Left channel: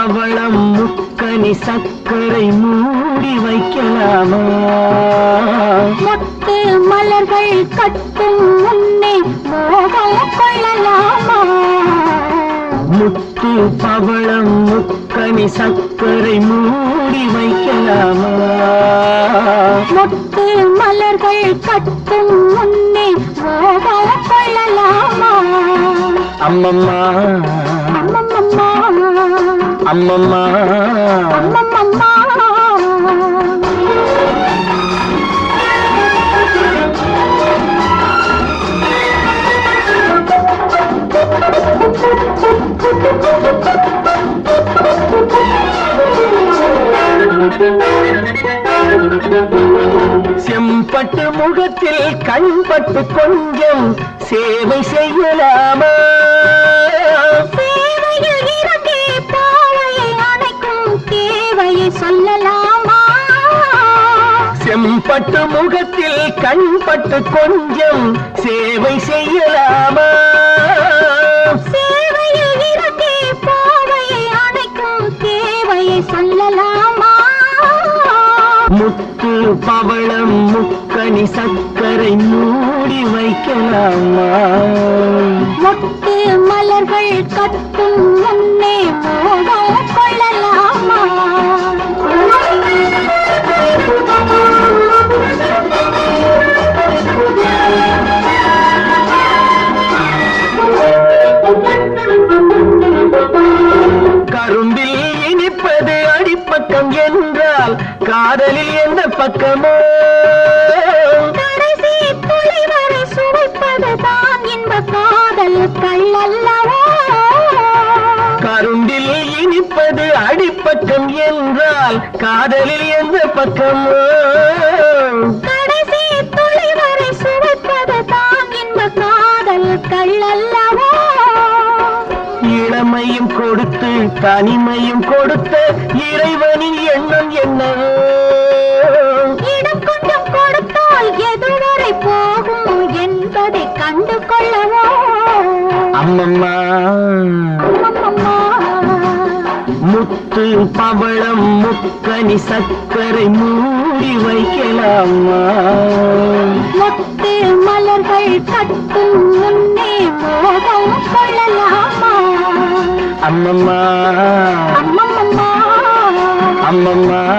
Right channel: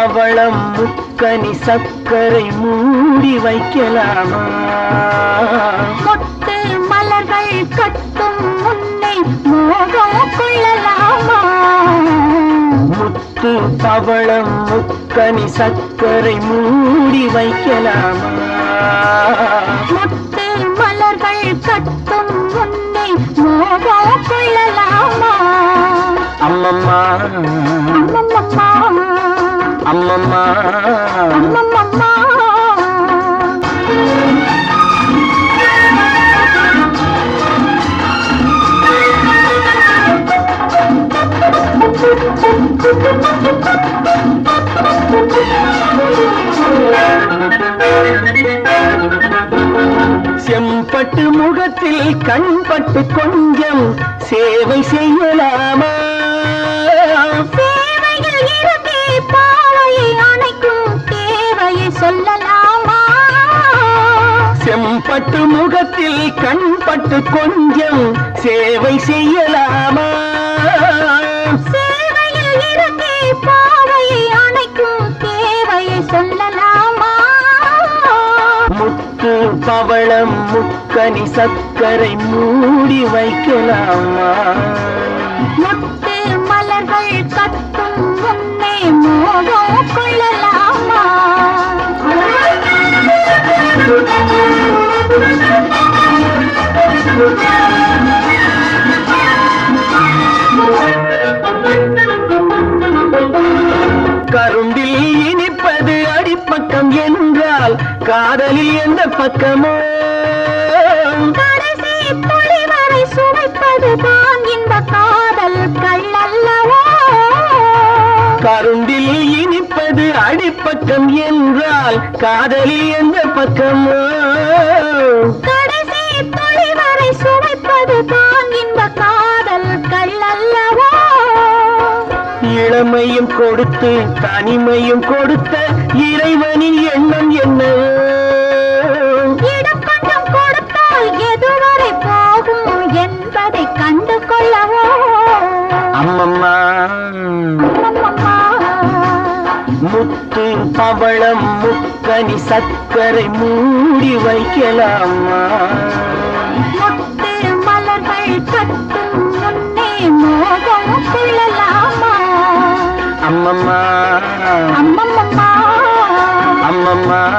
பவளம் முக்கனி சர்க்கரை மூடி வைக்கலாமா? மொட்டு மலர்கள் கட்டும் முன்னே மோகம் கொள்ளலாமா? முத்து பவளம் முக்கனி சர்க்கரை மூடி வைக்கலாமா? மொட்டு மலர்கள் கட்டும் முன்னே மோகம் கொள்ளலாமா? அம்மம்மா அம்மம்மா. அம்மம்மம்மா செம்பட்டு முகத்தில் கண்பட்டு கொஞ்சம் சேவை செய்யலாமா? செம்பட்டு முகத்தில் கண்பட்டு கொஞ்சம் சேவை செய்யலாமா? முத்து பவளம் முக்கனி சர்க்கரை மூடி வைக்கலாமா? மொட்டு மலர்கள் கட்டும் என்றால் காதலில் எந்த பக்கமோ? கடைசி துளி வரை சுவைப்பது தான் இன்ப காதல் கள்ளல்லவோ? கரும்பில் இனிப்பது அடிப்பக்கம் என்றால் காதலில் எந்த பக்கமோ? இளமையும் கொடுத்து தனிமையும் கொடுத்த இறைவனின் எண்ணம் என்னவோ இடம் கொஞ்சம் கொடுத்தால் எதுவரை போகும் என்பதை கண்டு கொள்ளவோ? அம்மம்மா. முத்து பவளம் முக்கனி சர்க்கரை மூடி வைக்கலாமா? அம்மம்மா. அம்மம்மா. அம்மம்மா.